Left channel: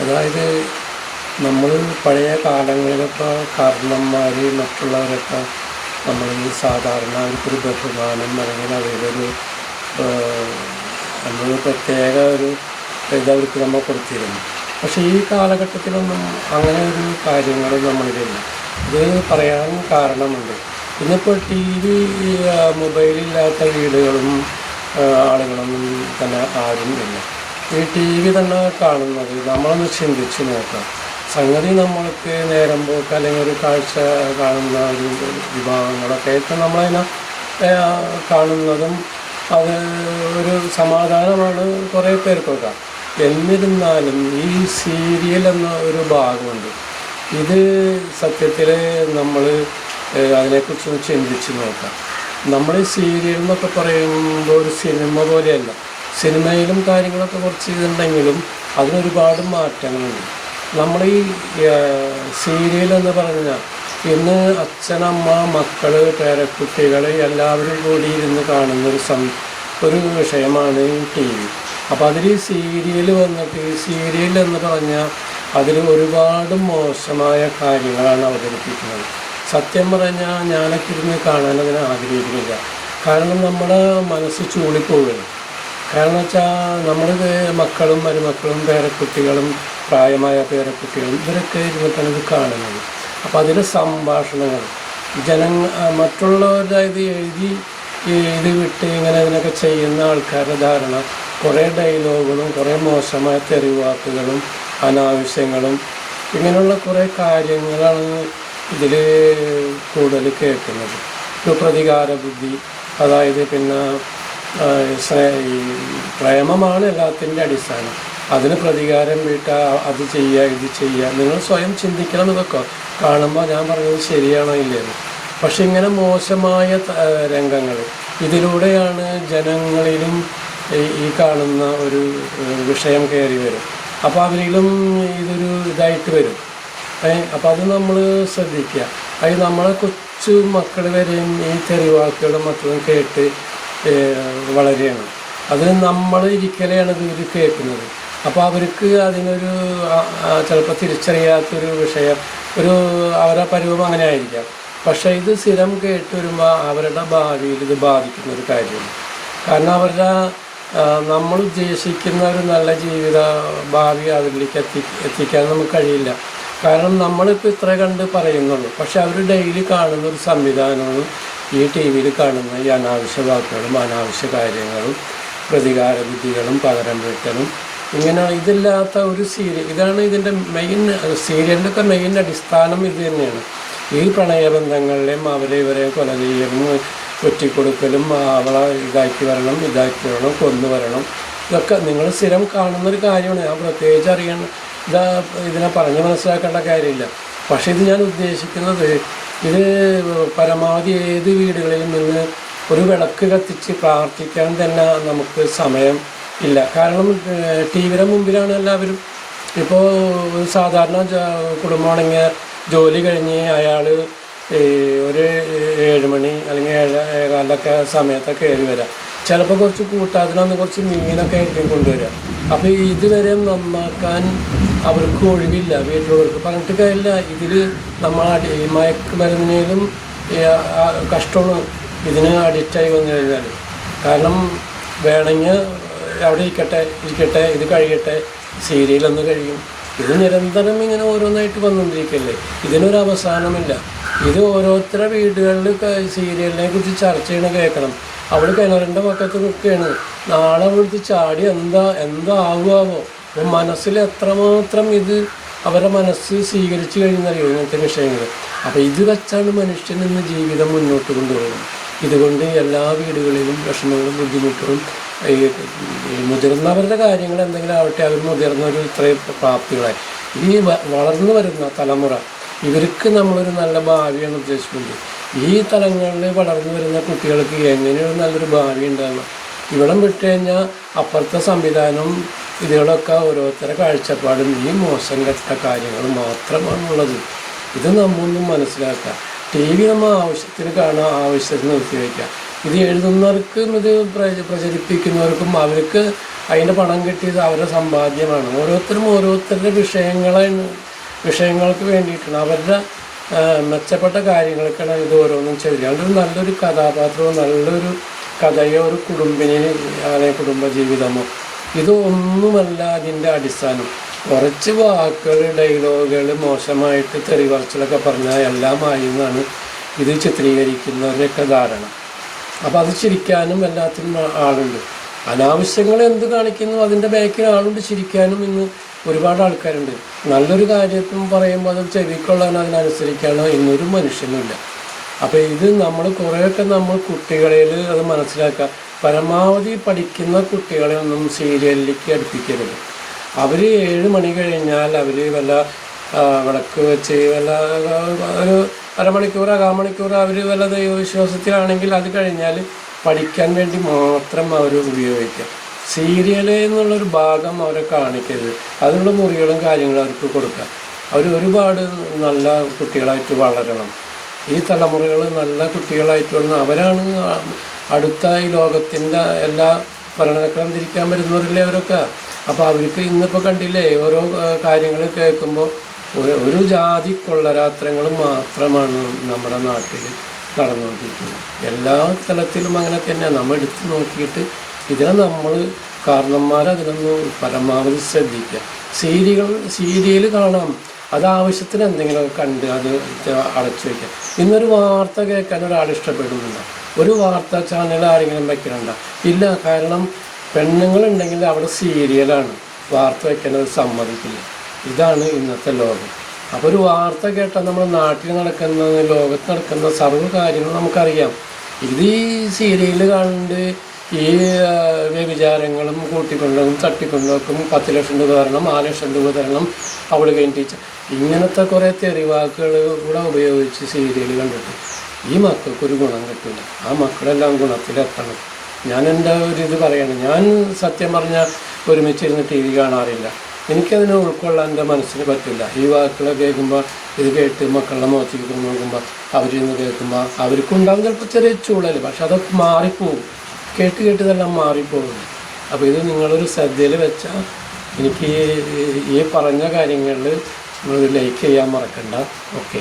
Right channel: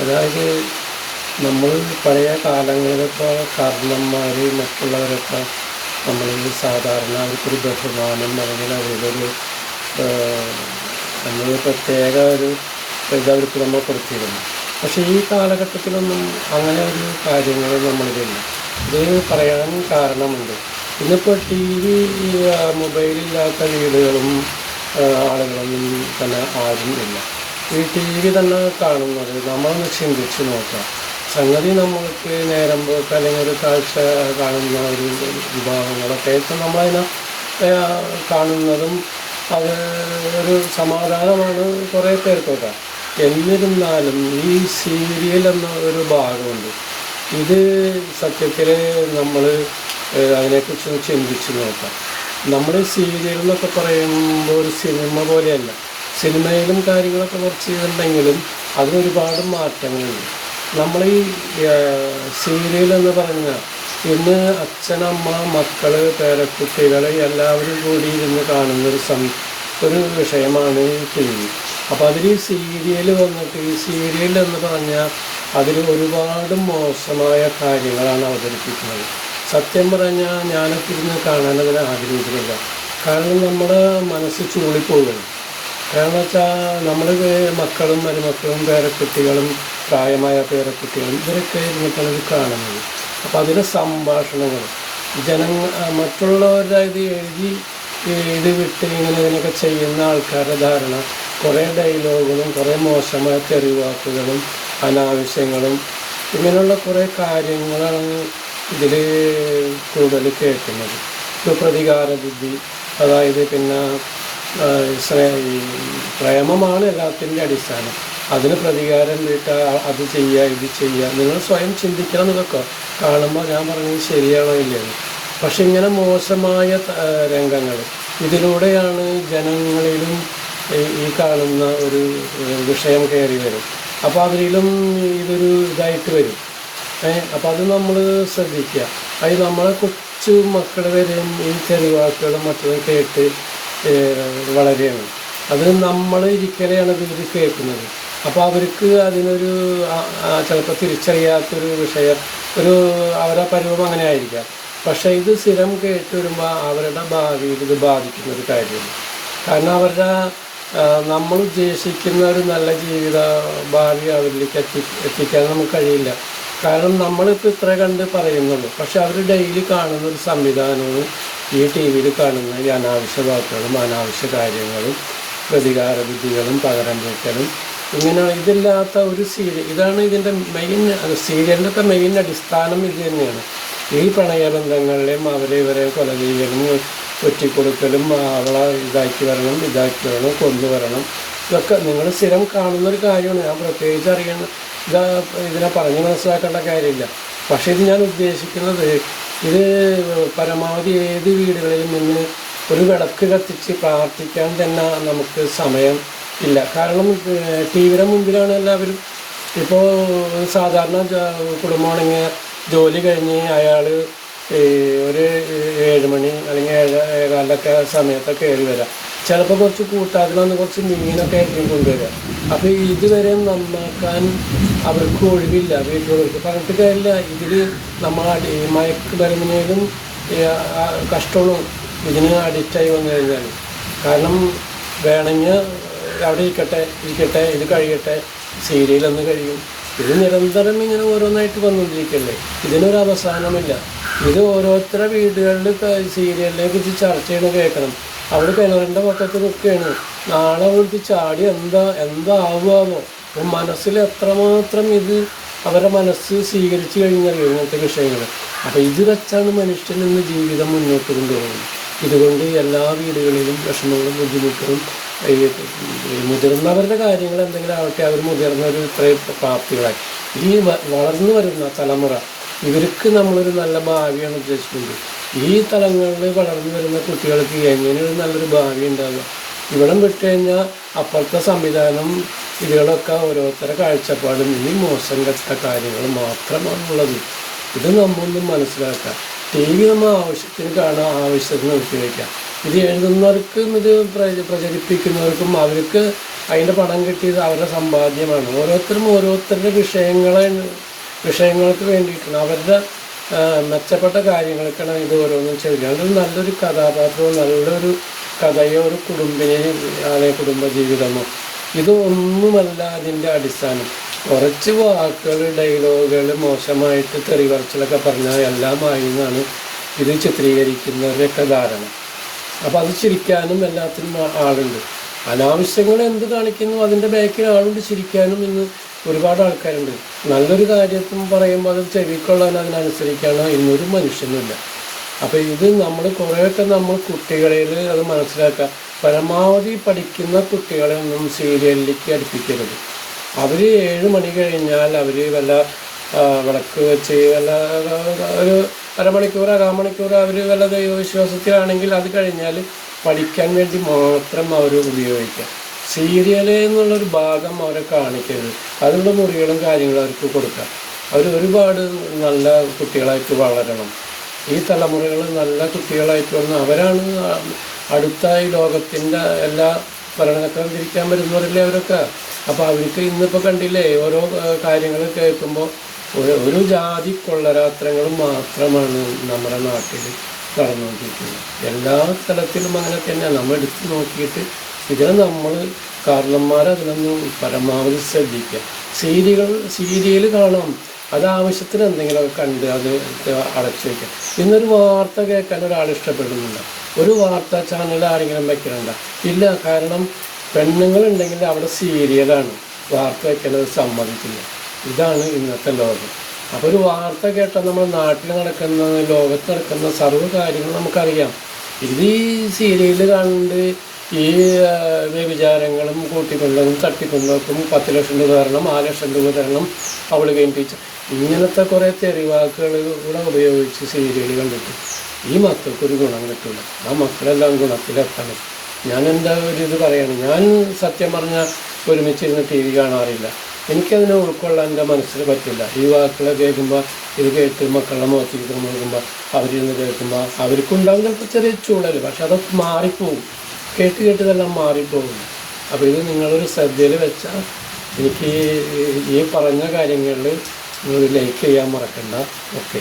അതായത് നമ്മൾ പഴയ കാലങ്ങളിലൊക്കെ കാരണന്മാർ മറ്റുള്ളവരൊക്കെ നമ്മൾ സാധാരണ അവർക്കൊരു ബഹുമാനം അല്ലെങ്കിൽ അവരൊരു നമ്മൾ പ്രത്യേക ഒരു ഇത് അവർക്ക് നമ്മൾ കൊടുത്തിരുന്നു. പക്ഷേ ഈ കാലഘട്ടത്തിലൊന്നും അങ്ങനെ ഒരു കാര്യങ്ങൾ നമ്മളിലില്ല. ഇത് പറയാൻ കാരണമുണ്ട്. ഇന്നിപ്പോൾ ടി വി മൊബൈലില്ലാത്ത വീടുകളും ആളുകളൊന്നും തന്നെ ആരും ഇല്ല. ഈ ടി വി തന്നെ കാണുന്നത് നമ്മളൊന്ന് ചിന്തിച്ച് നോക്കാം. സംഗതി നമ്മൾക്ക് നേരം പോക്ക് അല്ലെങ്കിൽ ഒരു കാഴ്ച കാണുന്ന ഒരു വിഭാഗങ്ങളൊക്കെ ഇപ്പം നമ്മളതിനെ കാണുന്നതും അത് ഒരു സമാധാനമാണ് കുറേ പേർക്കൊക്കെ. എന്നിരുന്നാലും ഈ സീരിയൽ എന്ന ഒരു ഭാഗമുണ്ട്. ഇത് സത്യത്തിൽ നമ്മൾ അതിനെക്കുറിച്ച് ചിന്തിച്ച് നോക്കാം. നമ്മൾ ഈ സീരിയൽ എന്നൊക്കെ പറയുമ്പോൾ ഒരു സിനിമ പോലെയല്ല. സിനിമയിലും കാര്യങ്ങളൊക്കെ കുറച്ച് ഇതുണ്ടെങ്കിലും അതിനൊരുപാട് മാറ്റങ്ങളുണ്ട്. നമ്മൾ ഈ സീരിയൽ എന്ന് പറഞ്ഞാൽ ഇന്ന് അച്ഛനമ്മ മക്കൾ പേരക്കുട്ടികൾ എല്ലാവരും കൂടി ഇരുന്ന് കാണുന്നൊരു ഒരു വിഷയമാണ് ഈ ടി വി. അപ്പോൾ അതിൽ ഈ സീരിയൽ വന്നിട്ട് ഈ സീരിയൽ എന്ന് പറഞ്ഞാൽ അതിൽ ഒരുപാട് മോശമായ കാര്യങ്ങളാണ് അവതരിപ്പിക്കുന്നത്. സത്യം പറഞ്ഞാൽ ഞാനൊക്കെ ഇരുന്ന് കാണാൻ അതിനെ ആഗ്രഹിക്കുന്നില്ല. കാരണം നമ്മുടെ മനസ്സ് ചൂളിപ്പോവുകയാണ്. കാരണം വെച്ചാൽ നമ്മുടെ മക്കളും മരുമക്കളും പേരക്കുട്ടികളും പ്രായമായ പേരക്കുട്ടികളും ഇവരൊക്കെ ഇരുന്നിട്ടാണ് ഇത് കാണുന്നത്. അപ്പോൾ അതിലെ സംഭാഷണങ്ങൾ മറ്റുള്ളവരുടെ ഇത് ഇത് വിട്ട് ഇങ്ങനെ അതിനൊക്കെ ചെയ്യുന്ന ആൾക്കാരുടെ ധാരണ കുറേ ഡയലോഗുകളും കുറേ മോശമായ തെറിവാക്കുകളും അനാവശ്യങ്ങളും ഇങ്ങനെയുള്ള കുറേ കാര്യങ്ങളാണ് ഇതിൽ കൂടുതൽ കേൾക്കുന്നത്. ഇപ്പോൾ പ്രതികാര ബുദ്ധി, അതായത് പിന്നെ പ്രേമമാണ് എല്ലാത്തിൻ്റെ അടിസ്ഥാനം. അതിന് പ്രതികാരം വീട്ടുക, അത് ചെയ്യുക, ഇത് ചെയ്യുക. നിങ്ങൾ സ്വയം ചിന്തിക്കണം എന്നൊക്കെ കാണുമ്പോൾ ഞാൻ പറയുന്നത് ശരിയാണോ ഇല്ലയോ. പക്ഷെ ഇങ്ങനെ മോശമായ രംഗങ്ങൾ ഇതിലൂടെയാണ് ജനങ്ങളിലും ഈ കാണുന്ന ഒരു വിഷയം കയറി വരും. അപ്പോൾ അതിലും ഇതൊരു ഇതായിട്ട് വരും. അപ്പോൾ അത് നമ്മൾ ശ്രദ്ധിക്കുക. അത് നമ്മളെ കൊച്ചു മക്കൾ വരെയും ഈ തെറിവാക്കുകളും മറ്റും കേട്ട് വളരെയാണ്. അത് നമ്മൾ ഇരിക്കലെയാണ് ഇത് കേൾക്കുന്നത്. അപ്പോൾ അവർക്ക് അതിനൊരു ചിലപ്പോൾ തിരിച്ചറിയാത്തൊരു വിഷയം അവരുടെ പരിവം അങ്ങനെ ആയിരിക്കാം. പക്ഷേ ഇത് സ്ഥിരം കേട്ട് വരുമ്പോൾ അവരുടെ ഭാവിയിൽ ഇത് ബാധിക്കുന്നൊരു കാര്യമാണ്. കാരണം നമ്മൾ ഉദ്ദേശിക്കുന്ന ഒരു നല്ല ജീവിത ഭാവി അവരിലേക്ക് എത്തിക്കാൻ നമുക്ക് കഴിയില്ല. കാരണം നമ്മളിപ്പോൾ ഇത്ര കണ്ട് പറയുന്നുള്ളൂ. പക്ഷെ അവർ ഡെയിലി കാണുന്ന ഒരു സംവിധാനമാണ് ഈ ടി വിയിൽ കാണുന്ന ഈ അനാവശ്യ വാക്കുകളും അനാവശ്യ കാര്യങ്ങളും പ്രതികാര ബുദ്ധികളും പകരം വീട്ടലും ഇങ്ങനെ ഇതില്ലാത്ത ഒരു സീരിയൽ. ഇതാണ് ഇതിൻ്റെ മെയിൻ സീരിയലിൻ്റെയൊക്കെ മെയിൻ അടിസ്ഥാനം ഇത് തന്നെയാണ്. ഈ പ്രണയബന്ധങ്ങളിലെയും ഇവരെ കൊല ചെയ്യലും ഒറ്റിക്കൊടുക്കലും അവളെ ഇതാക്കി വരണം കൊന്നു വരണം, ഇതൊക്കെ നിങ്ങൾ സ്ഥിരം കാണുന്നൊരു കാര്യമാണ്. ഞാൻ പ്രത്യേകിച്ച് ഇതിനെ പറഞ്ഞ് മനസ്സിലാക്കേണ്ട കാര്യമില്ല. പക്ഷേ ഇത് ഞാൻ ഉദ്ദേശിക്കുന്നത് ഇത് പരമാവധി ഏത് വീടുകളിലും നിന്ന് ഒരു വിളക്ക് കത്തിച്ച് പ്രാർത്ഥിക്കാൻ തന്നെ നമുക്ക് സമയം ഇല്ല. കാരണം ടി വിയുടെ മുമ്പിലാണ് എല്ലാവരും. ഇപ്പോൾ ഒരു സാധാരണ കുടുംബമാണെങ്കിൽ ജോലി കഴിഞ്ഞ് അയാൾ ഒരു 7 മണി അല്ലെങ്കിൽ 7:15 സമയത്തൊക്കെ കയറി വരാം. ചിലപ്പോൾ കുറച്ച് കൂട്ടാതിനൊന്ന് കുറച്ച് മീനൊക്കെ ആയിരിക്കും കൊണ്ടുവരിക. അപ്പോൾ ഇതുവരെ നന്നാക്കാൻ അവർക്ക് ഒഴിവില്ല. വീട്ടിലുള്ളവർക്ക് പറഞ്ഞിട്ട് കാര്യമില്ല. ഇതിൽ നമ്മൾ മയക്കുമരുന്നിനും കഷ്ടമാണ് ഇതിന് അഡിക്റ്റായി വന്നു കഴിഞ്ഞാൽ. കാരണം വേണമെങ്കിൽ അവിടെ ഇരിക്കട്ടെ ഇത് കഴിയട്ടെ, സീരിയലൊന്ന് കഴിയും. ഇത് നിരന്തരം ഇങ്ങനെ ഓരോന്നായിട്ട് വന്നുകൊണ്ടിരിക്കല്ലേ. ഇതിനൊരു അവസാനമില്ല. ഇത് ഓരോരുത്തരുടെ വീടുകളിൽ സീരിയലിനെ കുറിച്ച് ചർച്ച ചെയ്യണ കേൾക്കണം. അവൾ കിണറിൻ്റെ പക്കത്ത് നിൽക്കുകയാണ്. നാളെ അവൾക്ക് ചാടി എന്താവുമോ. മനസ്സിൽ എത്രമാത്രം ഇത് അവരുടെ മനസ്സ് സ്വീകരിച്ചു കഴിഞ്ഞറിയോ ഇങ്ങനത്തെ വിഷയങ്ങൾ. അപ്പോൾ ഇത് വെച്ചാണ് മനുഷ്യൻ ഇന്ന് ജീവിതം മുന്നോട്ട് കൊണ്ടുപോകുന്നത്. ഇതുകൊണ്ട് എല്ലാ വീടുകളിലും വിഷമങ്ങളും ബുദ്ധിമുട്ടുകളും മുതിർന്നവരുടെ കാര്യങ്ങൾ എന്തെങ്കിലും ആവട്ടെ, അവർ മുതിർന്നൊരു ഇത്രയും പ്രാപ്തികളായി ഈ വളർന്നു വരുന്ന തലമുറ ഇവർക്ക് നമ്മളൊരു നല്ല ഭാവിയാണ് ഉദ്ദേശിക്കുന്നത്. ഈ തലങ്ങളിൽ വളർന്നു വരുന്ന കുട്ടികൾക്ക് എങ്ങനെയാണ് നല്ലൊരു ഭാവി ഉണ്ടാവുക? ഇവിടം വിട്ടു കഴിഞ്ഞാൽ അപ്പുറത്തെ സംവിധാനവും ഇതിലൊക്കെ ഓരോരുത്തരുടെ കാഴ്ചപ്പാടും ഈ മോശം കെട്ട കാര്യങ്ങൾ മാത്രമാണുള്ളത്. ഇത് നമ്മളൊന്നും മനസ്സിലാക്കാം. ടി വി നമ്മൾ ആവശ്യത്തിന് കാണാൻ, ആവശ്യത്തിന് ഉപയോഗിക്കാം. ഇത് എഴുതുന്നവർക്കും ഇത് പ്രചരിപ്പിക്കുന്നവർക്കും അവർക്ക് അതിൻ്റെ പണം കിട്ടിയത് അവരുടെ സമ്പാദ്യമാണ്. ഓരോരുത്തരും ഓരോരുത്തരുടെ വിഷയങ്ങൾക്ക് വേണ്ടിയിട്ടാണ്, അവരുടെ മെച്ചപ്പെട്ട കാര്യങ്ങൾക്കാണ് ഇത് ഓരോന്നും ചെയ്യുക. അതുകൊണ്ട് നല്ലൊരു കഥാപാത്രമോ നല്ലൊരു കഥയോ ഒരു കുടുംബജീവിതമോ ഇതൊന്നുമല്ല അതിൻ്റെ അടിസ്ഥാനം. കുറച്ച് വാക്കുകൾ, ഡയലോഗുകൾ, മോശമായിട്ട് തെറിവറച്ചിലൊക്കെ പറഞ്ഞാൽ എല്ലാമായി എന്നാണ് ഇത് ചിത്രീകരിക്കുന്നവരുടെയൊക്കെ ധാരണ. അപ്പോൾ അത് ചിരിക്കാനും എല്ലാത്തിനും ആളുണ്ട്. അനാവശ്യങ്ങൾ എന്ത് കാണിക്കുന്നു അതിൻ്റെ ബാക്കിൽ ആളുണ്ട് ചിരിക്കാനും ഇന്ന് ഒരുപാട് ആൾക്കാരുണ്ട്. നല്ലൊരു കാര്യത്തും പറയുമ്പോൾ അത് ചെവിക്കൊള്ളാൻ അതിനനുസരിക്കാനോ ഇന്നൊരു മനുഷ്യനുമില്ല. അപ്പോൾ ഇത് നമ്മൾ കുറേയൊക്കെ നമ്മൾ കുട്ടികളിൽ അത് മനസ്സിലാക്കുക. പരമാവധി പഠിക്കുന്ന കുട്ടികളെ ഒന്നും സീരിയലിലേക്ക് അടുപ്പിക്കരുത്. അവർ 7 മണി കഴിഞ്ഞാൽ അവർ വല്ല വിളക്ക് വെച്ച് വല്ല ഒരു അരമണിക്കൂർ 1/4 മണിക്കൂർ അവർ വല്ല ദൈവവിശ്വാസത്തിലാണെങ്കിൽ അത് കഴിഞ്ഞാൽ പഠിക്കാൻ വേണ്ടി മാത്രം അവർ ഉപയോഗിക്കും. സീരിയല് എന്നുള്ളൊരു ഭാഗം അവർ കാണിക്കരുത്. അതിനുള്ള മുറികളും കാര്യങ്ങളും അവർക്ക് കൊടുക്കാം. അവർ ഒരുപാട് നല്ല കുട്ടികളായിട്ട് വളരണം. ഈ തലമുറകൾ നല്ല കുട്ടികളായിട്ട് വന്ന് അവരാണ് അടുത്ത ഈ ലോകത്തിൻ്റെ എല്ലാ ഭരണക്രമം തിരിക്കാൻ വരുന്നവരല്ലേ അവരൊക്കെ. അപ്പോൾ അവർക്ക് ഇന്നിപ്പോൾ കണ്ടില്ലേ ഓരോ കാര്യങ്ങൾ കേൾക്കുമ്പോൾ ഒരു ജാതി കൊള്ളരാത്രങ്ങൾ മാത്രമാണ് നമ്മുടെ നാട്ടിൽ നടന്നുകൊണ്ടിരിക്കുന്നത്. എല്ലാ തലത്തിലും അങ്ങനെ തന്നെ. നമ്മൾ എടുത്ത് നോക്കിയിട്ട് ഇതിനെ നമ്മൾ കാരണന്മാരതിനൊന്ന് പരമാവധി ശ്രദ്ധിക്കുക. സീരിയൽ കാണാം, അത് ആവശ്യത്തിന് എന്തെങ്കിലുമൊക്കെ കണ്ട് അത് അടച്ചു വയ്ക്കുക. ഇന്നൊരു വാർത്ത കേൾക്കാൻ ഒരാൾ ഇഷ്ടപ്പെടുന്നുണ്ട്, ഒരു വാർത്താ ചാനൽ ആരെങ്കിലും വെക്കുന്നുണ്ടോ? ഇല്ല. കാരണം പെണ്ണുങ്ങളുണ്ടെങ്കിൽ അവിടെ സീരിയലാണ് വാർത്ത വെക്കുന്നത് സമ്മതിക്കുന്നത്. ഇതാണ് ഇന്നത്തെ ലോകം. അപ്പോൾ ഒരു വാർത്ത കേട്ടാൽ നമ്മുടെ നാട്ടിൽ നടക്കുന്ന ലോകത്ത് നടക്കുന്ന സർവ്വ കാര്യങ്ങളും നമുക്കറിയാം. ഇത് ഈ സീരിയൽ കണ്ട് ഈ വ്യഭിചാരങ്ങളും കൂട്ടിക്കൊണ്ടും തട്ടിക്കൊണ്ടും 10 ലക്ഷം രൂപ തരണം, 6 ലക്ഷം രൂപ തരണം, അവൾ കഴിഞ്ഞിട്ട് ഇങ്ങനത്തെ കുറേ തെറിവാക്കുകൾ കൂടെ ഉപയോഗിച്ച് സീരിയൽ കണ്ടിട്ട് ഈ മക്കൾക്കൊരു ഗുണം കിട്ടില്ല. ആ മക്കളെല്ലാം ഗുണത്തിലെത്തണം. ഞാൻ എൻ്റെ ഇത് പറയണം. ഞാൻ സത്യം പറഞ്ഞാൽ ഒരുമിച്ചിരുന്ന് TV കാണാറില്ല. എനിക്കതിനെ ഉൾക്കൊള്ളാൻ എൻ്റെ മനസ്സിന് പറ്റില്ല. ഈ വാക്കുകൾ കേൾക്കുമ്പോൾ ഇത് കേട്ട് മക്കളുടെ മുഖത്തേക്ക് നോക്കുമ്പോൾ അവരിന്ന് കേൾക്കുമ്പോൾ അവർക്കുണ്ടാകും ചിലപ്പോൾ ചെറിയ ചൂടൽ, പക്ഷെ അതൊക്കെ മാറിപ്പോകും. കേട്ട് ഇതെല്ലാം മാറിപ്പോകും. അപ്പോൾ ഇത് നിങ്ങളൊരു ശ്രദ്ധയിൽ വെച്ചാൽ എനിക്ക് ഈ പറഞ്ഞ കാര്യങ്ങളിൽ ലൈക്ക് ചെയ്യാൻ മറക്കണ്ട. ഓക്കെ.